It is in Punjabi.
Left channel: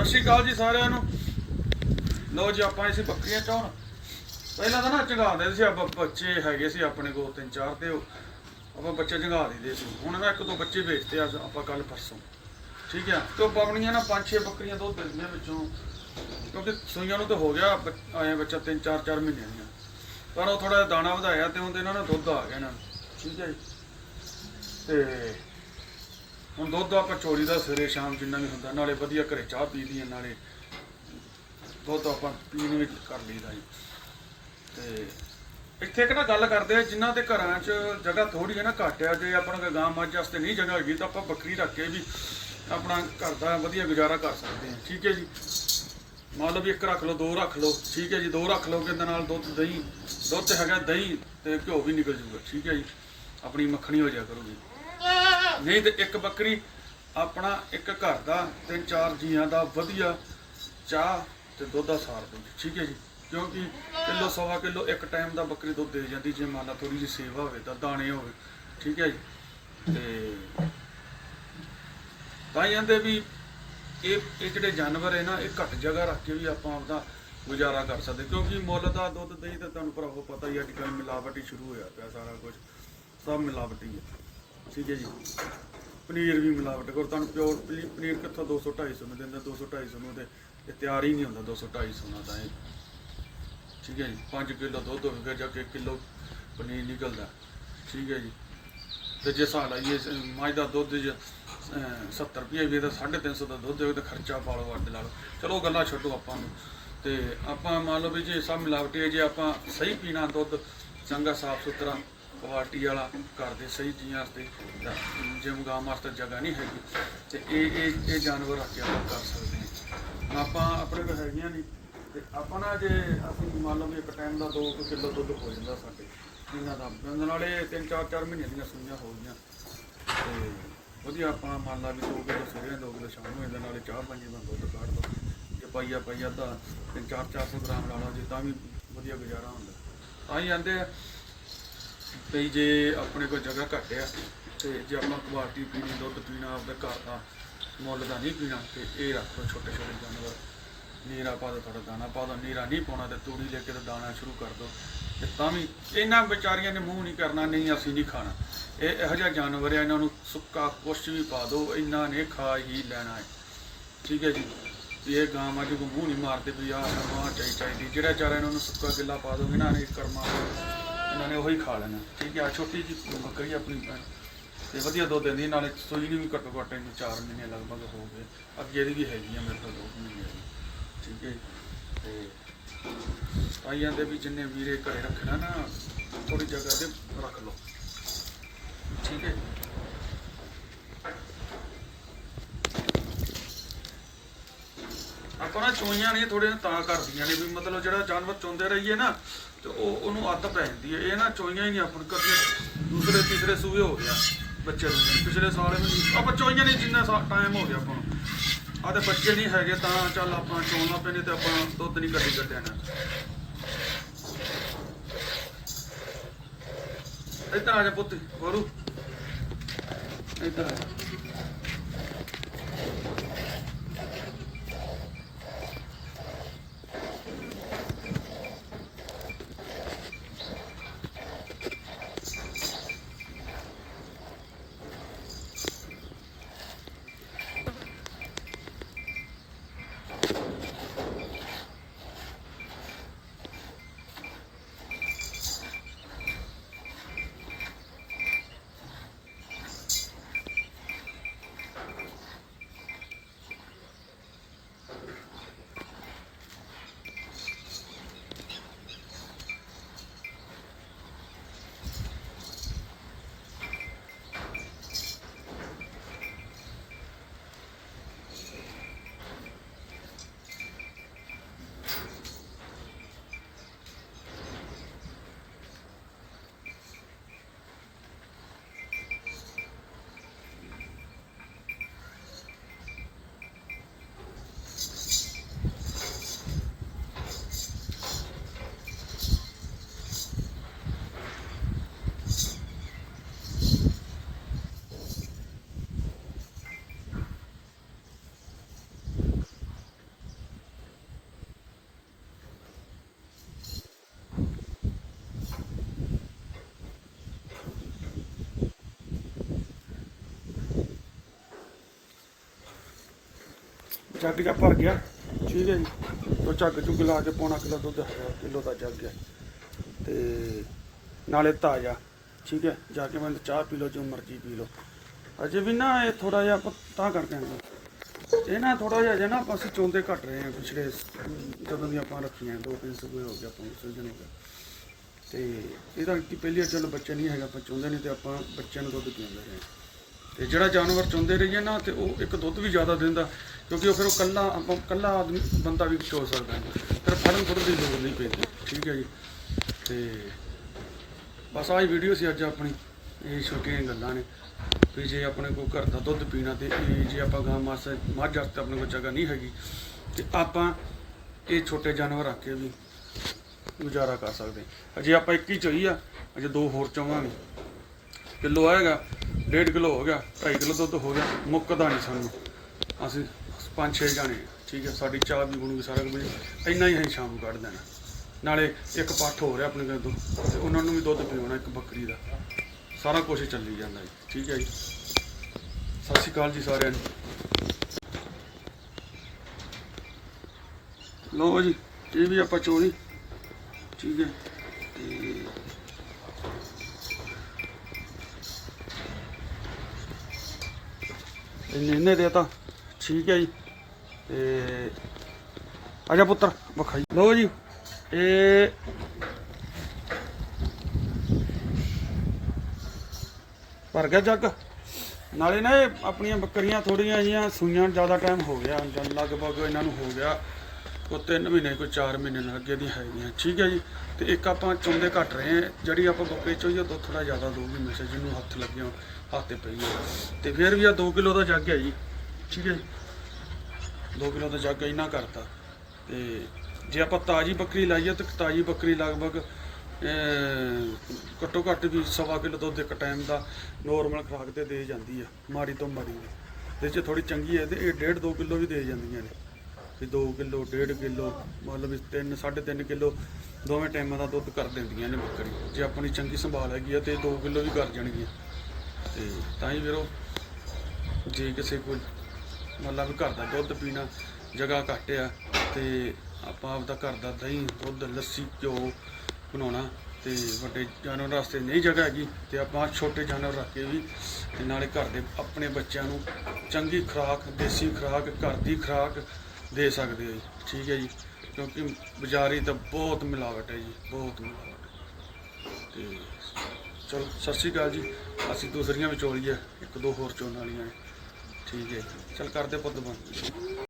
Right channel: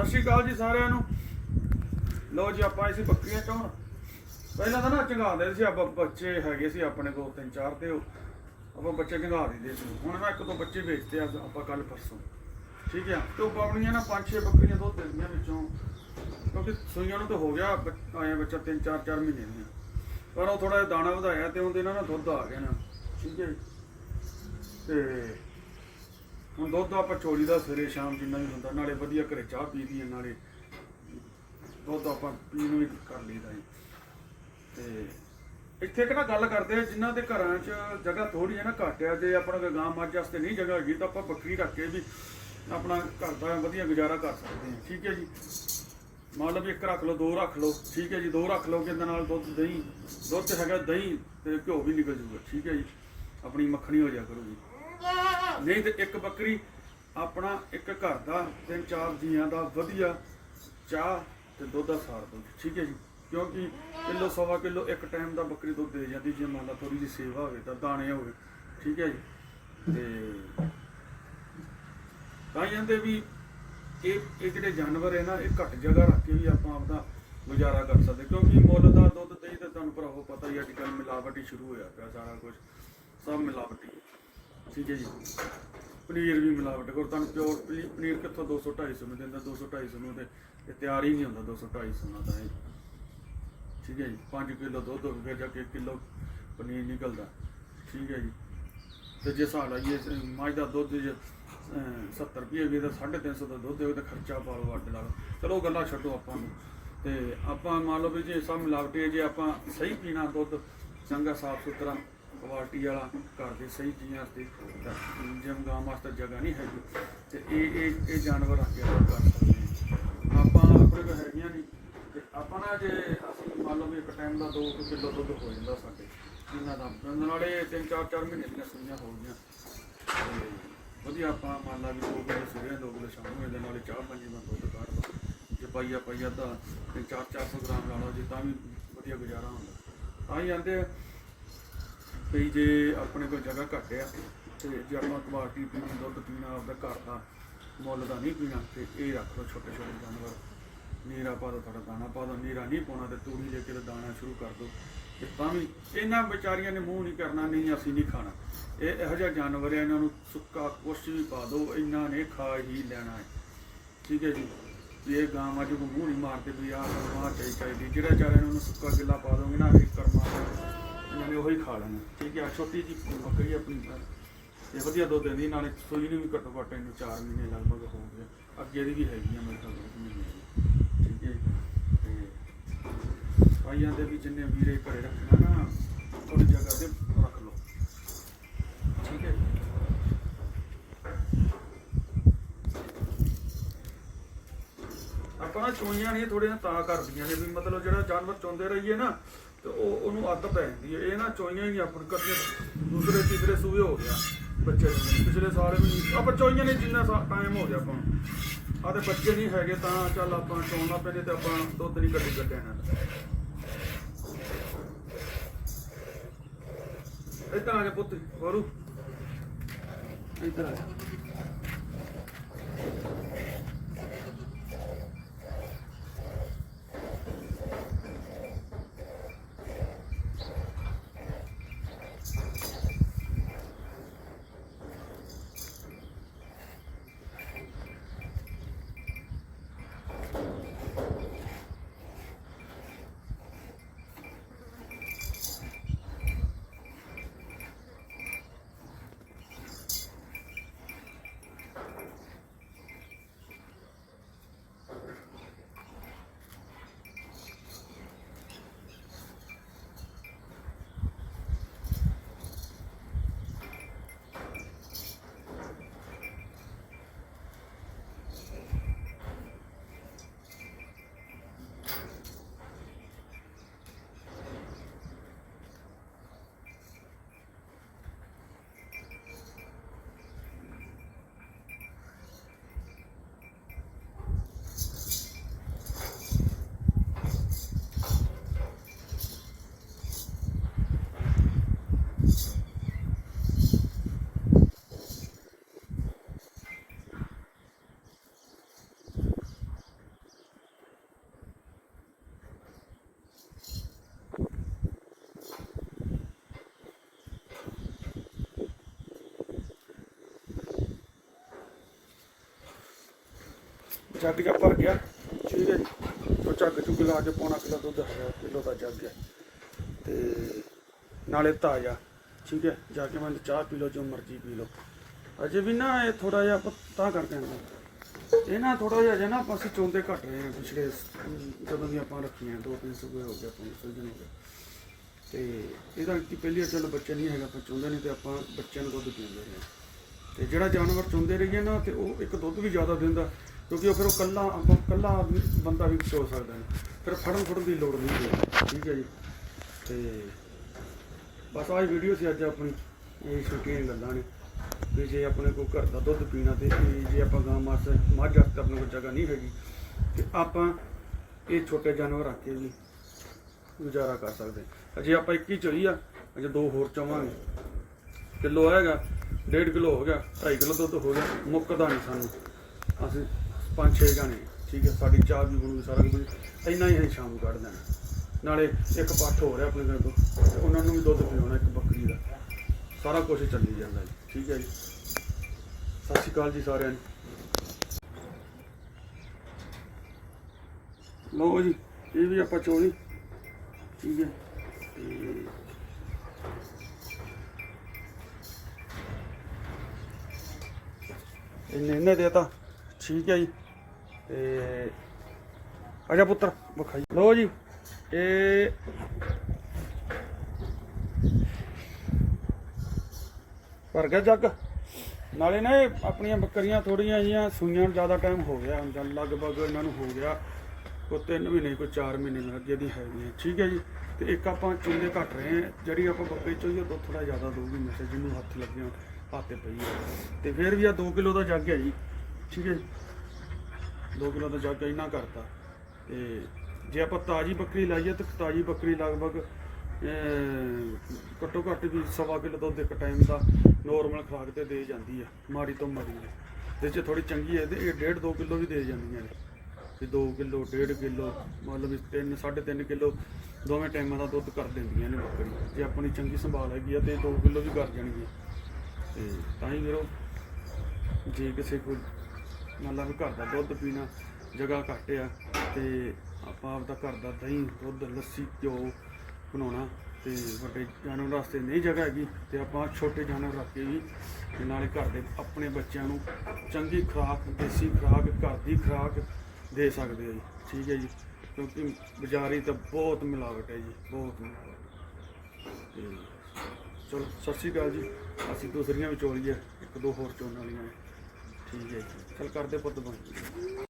ਸਤਿ ਸ਼੍ਰੀ ਅਕਾਲ ਜੀ ਸਾਰਿਆਂ ਨੂੰ। ਲਓ ਜੀ, ਆਪਾਂ ਇਸੇ ਬੱਕਰੀਆਂ ਚੋਣ। ਪਹਿਲਾਂ ਤਾਂ ਨਾ ਚੰਗਾਉਂਦੇ ਸੀ, ਆਪਾਂ ਬੱਚੇ ਹੈਗੇ ਸੀ ਆਪਣੇ ਕੋਲ ਤਿੰਨ ਚਾਰ ਤੇ ਉਹ ਆਪਾਂ ਬੱਚੇ ਚੰਗਾ ਦਿੰਦੇ ਸੀ। ਹੁਣ ਨਾ ਇੱਕ ਦੋ ਬੱਚੇ ਵੇਚਦੇ ਆ, ਆਪਾਂ ਕੱਲ ਪਰਸੋਂ। ਠੀਕ ਹੈ ਤੇ ਉਹ ਪਾਉਣੀਆਂ ਨਾ ਪੰਜ ਛੇ ਬੱਕਰੀਆਂ ਦੋ ਦਿੰਦੀਆਂ ਵਿੱਚੋਂ। ਕਿਉਂਕਿ ਸੂਈਆਂ ਨੂੰ ਤਾਂ ਹੋ ਗਿਆ ਬੱਚ- ਆਇਆ ਬੱਚਾ ਤਿੰਨ ਚਾਰ ਚਾਰ ਮਹੀਨਿਆਂ ਦੀਆਂ। ਪਰ ਉਹ ਥੋੜਾ ਦਾਣਾ ਵਧਾਇਆ ਤੇ ਉਹਦੇ ਨਾਲ ਨਾ ਦੁੱਧ ਆ ਗਿਆ ਨਾ। ਠੀਕ ਹੈ ਜੀ? ਤੇ ਹੁਣ ਦੁੱਧ ਆਪਾਂ ਚੋਰੀ ਦਾ ਸਵੇਰੇ ਸ਼ਾਮ ਜਿੰਨਾ ਵੀ ਹੁੰਦਾ, ਨਾਲੇ ਵਧੀਆ ਘਰੇ ਚਾਹ ਪੀ ਲਈਏ ਨਾਲੇ ਦੁੱਧ ਆਪਾਂ ਪੀਣ ਵਿੱਚ ਕਰ ਲਈਦਾ ਜੀ। ਤੇ ਇੱਥੇ ਇੱਕ ਨਾ ਗੱਲ ਕਰਦੇ ਆ, ਜਿਨ੍ਹਾਂ ਦੇ ਘਰਾਂ 'ਚ ਜਗ੍ਹਾ ਥੋੜੀ ਹੈ ਨਾ ਘੱਟ ਆ, ਜੇ ਆਪਣਾ ਕੋਈ ਗਾਂ ਮੱਝ ਵਾਸਤੇ ਨਹੀਂ ਜਗ੍ਹਾ ਹੈਗੀ, ਤਾਂ ਆਪਾਂ ਬੱਕਰੀ ਰੱਖ ਕੇ ਵੀ ਆਪਣਾ ਘਰ ਦਾ ਵਧੀਆ ਗੁਜ਼ਾਰਾ ਕਰ ਸਕਦੇ ਹਾਂ। ਠੀਕ ਹੈ ਜੀ? ਮੰਨ ਲਓ ਵੀ ਇੱਕ ਰੱਖ ਲਓ, ਦੋ ਰੱਖ ਲਓ, ਠੀਕ ਹੈ ਜੀ? ਦੋ ਰੱਖ ਲਓ ਕਿੰਦੇ ਨਾਲ ਦੁੱਧ, ਦਹੀਂ, ਦੁੱਧ ਹੈਗਾ ਦਹੀਂ ਤੇ ਘਿਓ ਵੀ ਨਿਕਲ ਜੂਗਾ ਠੀਕ ਹੈ ਜੀ? ਆਪਣੀ ਮੱਖਣੀ ਹੋ ਜਾ ਕਰੂਗੀ। ਨਹੀਂ ਤੇ ਇੱਕ ਬੱਕਰੀ ਆਪਣਾ ਇੱਕ ਘਰ ਦਾ ਤਿੰਨ ਚਾਰ ਜੀਆਂ ਦਾ ਵਧੀਆ ਚਾਹ ਤੇ ਦੁੱਧ ਦਾ ਸਾਰ ਦੋ ਠੀਕ ਹੈ ਜੀ? ਕਿਉਂਕਿ ਕਿਲੋ ਸਵਾ ਕਿਲੋ ਇੱਕ ਟਾਈਮ ਦਾ ਬੱਕਰੀ ਦੁੱਧ ਦੇ ਜਾਂਦੀ, ਜੇ ਮੰਨ ਲਾ ਥੋੜੀ ਜਿਹੀ ਸੇਵਾ ਹੋਵੇ ਤਾਂ ਦਾਣੇ ਹੋਵੇ, ਠੀਕ ਹੈ ਜੀ? ਤੇ ਤਾਂ ਹੀ ਕਹਿੰਦੇ ਵੀ ਇਹ ਇਹ ਜਿਹੜੇ ਜਾਨਵਰ ਹੈ ਨਾ, ਇਹ ਘੱਟ ਜਗ੍ਹਾ ਰੱਖ ਕੇ ਵੀ ਆਪਾਂ ਆਪਦਾ ਗੁਜ਼ਾਰਾ ਕਰ ਸਕਦੇ, ਕਿਉਂਕਿ ਮੁੱਲ ਦਾ ਦੁੱਧ ਦਹੀਂ ਤਾਂ ਤੁਹਾਨੂੰ ਭਰਾਵੋ ਪਤਾ ਹੀ ਅੱਜ ਕੱਲ੍ਹ ਹੀ ਸ਼ੁਰੂ ਹੋਇਆ ਪਿਆ ਸਾਰਾ ਕੁਝ ਸਭ ਮਿਲਾਵਟੀ ਹੈ। ਠੀਕ ਹੈ ਜੀ। ਪਨੀਰ ਵੀ ਮਿਲਾਵਟ ਕਰੋ। ਤੁਹਾਨੂੰ ਪਿਓਰ ਪਨੀ- ਪਨੀਰ ਕਿੱਥੋਂ 200 250 ਨੂੰ ਦਿੰਦਾ 200 250 ਨੂੰ ਤੇ ਇਹ ਤਿਆਰ ਹੀ ਨਹੀਂ ਹੁੰਦਾ 200 250 ਨਾਲ ਤਾਂ ਇਹ। ਠੀਕ ਹੈ ਜੀ। 5 ਕਿਲੋ ਦੁੱਧ ਹੋ ਗਿਆ ਜਾਂ ਕਿ ਕਿਲੋ ਪਨੀਰ ਨਿਕਲਦਾ। ਠੀਕ ਹੈ ਜੀ। ਤੇ ਜੇ ਹਿਸਾਬ ਲਾਈਏ ਸ- ਦਾ ਦੁੱਧ ਜੇ ਅਹ, 70 ਰੁਪਏ ਵੀ ਤਾਂ 350 ਦਾ ਦੁੱਧ ਹੋਵੇ ਤਾਂ ਖਰਚਾ ਪਾ ਲਓ ਅੱਡ ਲਾ ਲਓ ਚਲੋ ਉਹ ਗੱਲਾਂ ਛੱਡੋ ਆਪਾਂ ਨੂੰ। ਤੇ ਆਪਾਂ ਮੰਨ ਲਓ ਵੀ ਜੇ ਸਭ ਮਿਲਾਵਟੀ ਹੈ ਜੇ ਆਪਾਂ ਸਹੀ ਪੀਣਾ ਦੁੱਧ ਚੰਗਾ ਸਾਫ਼ ਸੁਥਰਾ ਕੁਆਲਿਟੀ ਵਾਲਾ ਘਰ ਦੇ ਸਹੀ ਚੀਜ਼ਾਂ ਵਾਸਤੇ ਤਾਂ ਜਿਮ ਗਾਂ ਵਾਸਤੇ ਜਗ੍ਹਾ ਨਹੀਂ ਹੈਗੀ। ਤੇ ਇਹ ਇਹ ਇਹ ਜਾਨਵਰ ਰੱਖ ਕੇ ਆਪਾਂ ਕਰ ਸਕਦੇ ਹਾਂ। ਆਪਾਂ ਆਪਣੇ ਕੋਲ ਹੈਗੀਆਂ ਨਹੀਂ। ਤੇ ਆਪਣਾ ਜੇ ਅਸੀਂ ਮੰਨ ਲਓ ਇੱਕ ਟਾਈਮ ਦਾ 2 ਕਿਲੋ ਦੁੱਧ ਹੋ ਜਾਂਦਾ ਸਾਡੇ, ਇਹਨਾਂ ਦਾ। ਦੰਦ ਨਾਲੇ ਤਿੰਨ ਚਾਰ ਚਾਰ ਮਹੀਨੇ ਦੀਆਂ ਸੂਈਆਂ ਹੋ ਗਈਆਂ। ਤੇ ਵਧੀਆ ਆਪਾਂ ਮੰਨ ਲਾ ਵੀ 2 ਕਿਲੋ ਸਵੇਰੇ 2 ਕਿਲੋ ਸ਼ਾਮ ਨੂੰ ਇਹਦੇ ਨਾਲੇ ਚਾਹ ਪਾਈਏ ਮੈਂ ਦੁੱਧ ਕੱਢ ਦੋ ਜੇ ਪਾਈਆ ਪਾਈਆ ਤਾਂ ਤਿੰਨ ਚਾਰ 400 ਗ੍ਰਾਮ ਲਾ ਲਾ ਜੇ ਤਾਂ ਵੀ ਵਧੀਆ ਗੁਜ਼ਾਰਾ ਹੁੰਦਾ। ਤਾਂ ਹੀ ਆਂਦੇ ਆ ਵੀ ਜੇ ਆਪਣੇ ਕੋਲ ਜਗ੍ਹਾ ਘੱਟ ਆ, ਤੇ ਜੇ ਆਪਾਂ ਕੁਆਲਿਟੀ ਪੀਣੀ, ਦੁੱਧ ਪੀਣਾ, ਆਪਦਾ ਘਰ ਦਾ ਮੁੱਲ ਦਾ ਨਹੀਂ ਪੀਣਾ, ਤੇ ਇਹ ਰੱਖ ਲਓ ਛੋਟੇ ਛੋਟੇ ਜਾਨਵਰ। ਨੀਰਾ ਪਾ ਦੋ ਥੋੜਾ ਦਾਣਾ ਪਾ ਦੋ ਨੀਰਾ ਨਹੀਂ ਪਾਉਣਾ ਤੇ ਤੂੜੀ ਲੈ ਕੇ ਤੇ ਦਾਣਾ ਸ਼ੁਰੂ ਕਰ ਦੋ ਤੇ ਤਾਂ ਵੀ ਇਹਨਾਂ ਵਿਚਾਰੀਆਂ ਨੇ ਮੂੰਹ ਨਹੀਂ ਕਰਨਾ, ਨਹੀਂ ਅਸੀਂ ਨਹੀਂ ਖਾਣਾ। ਇਹ ਇਹੋ ਜਿਹਾ ਜਾਨਵਰ ਆ, ਇਹਨਾਂ ਨੂੰ ਸੁੱਕਾ ਕੁਛ ਵੀ ਪਾ ਦੋ ਇਹਨਾਂ ਨੇ ਖਾ ਹੀ ਲੈਣਾ ਹੈ। ਠੀਕ ਹੈ ਜੀ? ਵੀ ਇਹ ਗਾਂ ਮੱਝ ਨੂੰ ਮੂੰਹ ਨਹੀਂ ਮਾਰਦੇ ਵੀ ਆਹ ਸਾਨੂੰ ਚਾਹੀ ਚਾਹੀਦੀ, ਜਿਹੜਾ ਚਾਰਾ ਇਹਨਾਂ ਨੂੰ ਸੁੱਕਾ ਗਿੱਲਾ ਪਾ ਦੋਗੇ ਨਾ ਰੇ ਕਰਮਾ ਇਹਨਾਂ ਉਹੀ ਖਾ ਲੈਣਾ। ਠੀਕ ਹੈ, ਛੋਟੀ ਜਿਹੀ ਬੱਕਰੀ ਆਪਣੀ ਭੈਣ ਤੇ ਵਧੀਆ ਦੁੱਧ ਦਿੰਦੀ, ਨਾਲੇ ਸੂਈ ਨੂੰ ਵੀ ਘੱਟੋ ਘੱਟ ਇਹਨੂੰ 4 ਮਹੀਨੇ ਲਗਭਗ ਹੋ ਗਏ। ਅੱਗੇ ਦੀ ਵੀ ਹੈਗੀ ਆ ਮੇਰੇ ਕੋਲ 2 ਮਹੀਨੇ ਦੀ। ਠੀਕ ਹੈ ਜੀ। ਤੇ ਆਈਆਂ ਦੇ ਵੀ ਜਿੰਨੇ ਵੀਰੇ ਘਰੇ ਰੱਖਣਾ ਨਾ ਥੋੜੀ ਜਗ੍ਹਾ ਤੇ ਰੱਖ ਲਓ। ਠੀਕ ਹੈ ਆਪਾਂ ਨਾ ਚੋਈਆਂ ਨਹੀਂ ਥੋੜੀਆਂ ਤਾਂ ਕਰਦੀਆਂ ਨੇ ਵੀ, ਮਤਲਬ ਜਿਹੜਾ ਜਾਨਵਰ ਚੋਂਦੇ ਰਹੀਏ ਨਾ ਤੇ ਉਹ ਉਹਨੂੰ ਆਦਤ ਪੈ ਜਾਂਦੀ ਹੈ। ਇਹ ਨਾ ਚੋਈਆਂ ਹੀ ਨਹੀਂ ਆਪਾਂ ਕਦੇ। ਦੂਸਰੇ, ਤੀਸਰੇ ਸੂਏ ਹੋ ਗਿਆ ਬੱਚੇ ਨੂੰ। ਪਿਛਲੇ ਸਾਲ ਵੀ ਆਪਾਂ ਚੋਈਆਂ ਨਹੀਂ ਜਿੰਨਾ ਟਾਈਮ ਹੋ ਗਿਆ ਆਪਾਂ ਆ ਤੇ ਬੱਚੇ ਨਹੀਂ ਹੈਗੇ ਤਾਂ ਚੱਲ ਆਪਾਂ ਚੋਣਾ ਪੈਨੇ ਤੇ ਆਪਾਂ ਦੁੱਧ ਨਹੀਂ ਕੱਢੀ ਕੱਢਿਆ ਨਾ। ਇੱਧਰ ਆ ਜਾ ਪੁੱਤ। ਵਰੂ ਇੱਧਰ ਆ ਜੱਗ ਜਿਹਾ ਭਰ ਗਿਆ। ਠੀਕ ਹੈ ਜੀ। ਉਹ ਝੱਗ ਝੁੱਗ ਲਾ ਕੇ ਪੌਣਾ ਕਿਲੋ ਦੁੱਧ ਹੋਇਆ ਕਿਲੋ ਦਾ ਜੱਗ ਗਿਆ। ਤੇ ਨਾਲੇ ਤਾਜ਼ਾ, ਠੀਕ ਹੈ। ਜਾ ਕੇ ਬੰਦ ਚਾਹ ਪੀ ਲਓ, ਜੋ ਮਰਜ਼ੀ ਪੀ ਲਓ। ਅਜੇ ਵੀ ਨਾ ਇਹ ਥੋੜਾ ਜਿਹਾ ਆਪਾਂ ਤਾਂ ਕਰਕੇ ਆਂਦੇ ਇਹ ਨਾ ਥੋੜਾ ਜਿਹਾ ਜੇ ਨਾ ਆਪਾਂ ਅਸੀਂ ਚੋਂਦੇ ਘਟ ਰਹੇ ਹਾਂ ਪਿਛਲੇ, ਜਦੋਂ ਦੀ ਆਪਾਂ ਰੱਖੀਆਂ, ਦੋ ਤਿੰਨ ਸੂਬੇ ਹੋ ਗਏ ਆਪਾਂ ਨੂੰ ਸੀਜ਼ਨ ਹੋ ਗਿਆ ਤੇ ਇਹਦਾ ਕਿ ਪਹਿਲੀ ਅਜਨ ਬੱਚੇ ਨਹੀਂ ਹੈਗਾ, ਆਪਾਂ ਚਾਹੁੰਦੇ ਨਹੀਂ ਤੇ ਆਪਾਂ ਬੱਚਿਆਂ ਨੂੰ ਦੁੱਧ ਪੀਂਦੇ ਹਾਂ। ਤੇ ਜਿਹੜਾ ਜਾਨਵਰ ਚੁੰਦੇ ਰਹੀਏ ਨਾ ਤੇ ਉਹ ਇੱਕ ਦੁੱਧ ਵੀ ਜ਼ਿਆਦਾ ਦਿੰਦਾ, ਕਿਉਂਕਿ ਉਹ ਫਿਰ ਉਹ ਕੱਲਾ ਆਪਾਂ ਕੱਲਾ ਆਦਮੀ, ਬੰਦਾ ਵੀ ਚੋ ਸਕਦਾ ਹੈ। ਫਿਰ ਫੜਨ ਫੁੜਨ ਦੀ ਲੋੜ ਨਹੀਂ ਪਈ ਠੀਕ ਹੈ ਜੀ? ਤੇ ਬਸ ਆਹ ਵੀਡੀਓ ਸੀ ਅੱਜ ਆਪਣੀ, ਇਹ ਛੋਟੀਆਂ ਗੱਲਾਂ ਨੇ, ਵੀ ਜੇ ਆਪਣੇ ਕੋਲ ਘਰ ਦਾ ਦੁੱਧ ਪੀਣਾ ਤੇ ਇਹ ਜੇ ਆਪਾਂ ਗਾਂ ਮਾਸੇ, ਮੱਝ ਵਾਸਤੇ ਆਪਣੇ ਕੋਲ ਜਗ੍ਹਾ ਨਹੀਂ ਹੈਗੀ, ਤੇ ਆਪਾਂ ਇਹ ਛੋਟੇ ਜਾਨਵਰ ਰੱਖ ਕੇ ਵੀ ਗੁਜ਼ਾਰਾ ਕਰ ਸਕਦੇ ਅਜੇ ਆਪਾਂ 21 ਚੋਈ ਆ, ਅਜੇ ਦੋ ਹੋਰ ਚਾਹਾਂਗੇ ਕਿਲੋ ਆਏਗਾ 1.5 ਕਿਲੋ ਹੋ ਗਿਆ 2.5 ਕਿਲੋ ਦੁੱਧ ਹੋ ਗਿਆ, ਮੁੱਕਦਾ ਨਹੀਂ ਸਾਨੂੰ। ਅਸੀਂ ਪੰਜ ਛੇ ਜਾਣੇ, ਠੀਕ ਹੈ, ਸਾਡੀ ਚਾਹ ਵੀ ਬਣੂਗੀ ਸਾਰਾ ਕੁਝ। ਇੰਨਾ ਹੀ ਅਸੀਂ ਸ਼ਾਮ ਨੂੰ ਕੱਢ ਦੇਣਾ। ਨਾਲੇ ਇੱਕ ਪੱਠ ਹੋ ਰਿਹਾ ਆਪਣੇ ਘਰ ਤੋਂ, ਤੇ ਉਹਨਾਂ ਨੂੰ ਵੀ ਦੁੱਧ ਪਿਉਣਾ ਇੱਕ ਬੱਕਰੀ ਦਾ। ਸਾਰਾ ਕੁਝ ਚੱਲੀ ਜਾਂਦਾ ਜੀ, ਠੀਕ ਹੈ ਜੀ। ਸਤਿ ਸ਼੍ਰੀ ਅਕਾਲ ਜੀ ਸਾਰਿਆਂ ਨੂੰ। ਲਓ ਜੀ, ਇਹ ਵੀ ਆਪਾਂ ਚੋਣੀ ਠੀਕ ਹੈ, ਤੇ ਇੰਨੇ ਇੰਨੇ ਦੇਤਾ ਠੀਕ ਹੈ ਜੀ। ਤੇ ਆਜਾ ਪੁੱਤਰ, ਵਿਖਾਈ। ਲਓ ਜੀ ਇਹ ਭਰ ਗਿਆ ਜੱਗ। ਨਾਲੇ ਨਾ ਇਹ ਆਪਣੀਆਂ ਬੱਕਰੀਆਂ ਥੋੜੀਆਂ ਜੀਆਂ ਸੂਈਆਂ ਨੂੰ ਜ਼ਿਆਦਾ ਟਾਈਮ ਹੋ ਗਿਆ। ਲਗਭਗ ਇਹਨਾਂ ਨੂੰ ਹੋ ਗਿਆ ਕੋਈ 3 ਮਹੀਨੇ ਕੋਈ 4 ਮਹੀਨੇ ਨਾਲ ਅੱਗੇ ਦੀ ਹੈਗੀਆਂ ਠੀਕ ਹੈ ਜੀ। ਤੇ ਇੱਕ ਆਪਾਂ ਚੁੰਦੇ ਘੱਟ ਰਹੇ ਹਾਂ। ਜਿਹੜੀ ਆਪਾਂ ਬੱਕਰੀ ਚੋਈਏ ਉਹ ਦੁੱਧ ਥੋੜਾ ਜ਼ਿਆਦਾ ਦਊਗੀ ਮੈਸੇਜ ਜਿਹਨੂੰ ਹੱਥ ਲੱਗਿਆ। ਹੱਥ ਪਈ ਹੈ। ਤੇ ਫਿਰ ਵੀ ਆ 2 ਕਿਲੋ ਦਾ ਜੱਗ ਹੈ ਜੀ। ਠੀਕ ਹੈ ਜੀ। 2 ਕਿਲੋ ਦਾ ਜੱਗ ਇੰਨਾ ਕਰਤਾ। ਤੇ ਜੇ ਆਪਾਂ ਤਾਜੀ ਬੱਕਰੀ ਲਾਈਏ ਤਾਂ ਤਾਜੀ ਬੱਕਰੀ ਲਗਭਗ ਘੱਟੋ ਘੱਟ ਵੀ ਸਵਾ ਕਿਲੋ ਦੁੱਧ ਇੱਕ ਟਾਈਮ ਦਾ ਨੋਰਮਲ ਖੁਰਾਕ ਤੇ ਦੇ ਜਾਂਦੀ ਆ ਮਾੜੀ ਤੋਂ ਮਾੜੀ। ਤੇ ਜੇ ਥੋੜੀ ਚੰਗੀ ਹੈ ਤੇ ਇਹ 1.5 2 ਕਿਲੋ ਵੀ ਦੇ ਜਾਂਦੀਆਂ ਨੇ। ਵੀ 2 ਕਿਲੋ 1.5 ਕਿਲੋ ਮਤਲਬ ਲਓ ਵੀ 3 3.5 ਕਿਲੋ ਦੋਵੇਂ ਟਾਈਮਾਂ ਦਾ ਦੁੱਧ ਕਰ ਦਿੰਦੀਆਂ ਨੇ ਬੱਕਰੀ। ਜੇ ਆਪਣੀ ਚੰਗੀ ਸੰਭਾਲ ਹੈਗੀ ਆ ਤੇ 2 ਕਿਲੋ ਵੀ ਕਰ ਜਾਣਗੀਆਂ। ਤੇ ਤਾਂ ਹੀ ਵੀਰੋ ਜੇ ਕਿਸੇ ਕੋਲ ਮਤਲਬ ਵੀ ਘਰ ਦਾ ਦੁੱਧ ਪੀਣਾ ਜਗ੍ਹਾ ਘੱਟ ਆ ਤੇ ਆਪਾਂ ਆਪਦਾ ਘਰ ਦਾ ਦਹੀਂ, ਦੁੱਧ, ਲੱਸੀ, ਘਿਓ ਬਣਾਉਣਾ ਤੇ ਵੱਡੇ ਜਾਨਵਰ ਵਾਸਤੇ ਨਹੀਂ ਜਗ੍ਹਾ ਹੈਗੀ ਤੇ ਆਪਾਂ ਛੋਟੇ ਜਾਨਵਰ ਰੱਖ ਕੇ ਵੀ ਤੇ ਨਾਲੇ ਘਰ ਦੇ ਆਪਣੇ ਬੱਚਿਆਂ ਨੂੰ ਚੰਗੀ ਖੁਰਾਕ, ਦੇਸੀ ਖੁਰਾਕ, ਘਰ ਦੀ ਖੁਰਾਕ ਦੇ ਸਕਦੇ ਹੋ ਜੀ, ਠੀਕ ਹੈ ਜੀ, ਕਿਉਂਕਿ ਬਾਜ਼ਾਰੀ ਤਾਂ ਬਹੁਤ ਮਿਲਾਵਟ ਹੈ ਜੀ, ਬਹੁਤ ਮਿਲਾਵਟ ਤੇ ਚਲੋ, ਸਤਿ ਸ਼੍ਰੀ ਅਕਾਲ ਜੀ। ਅਸੀਂ ਦੂਸਰੀਆਂ ਵੀ ਚੋਰੀ ਇੱਕ ਦੋ ਹੋਰ ਚੋਣ ਵਾਲੀਆਂ ਨੇ। ਠੀਕ ਹੈ ਜੀ। ਚਲ ਕਰਦੇ ਪੁੱਤ ਬੰਦ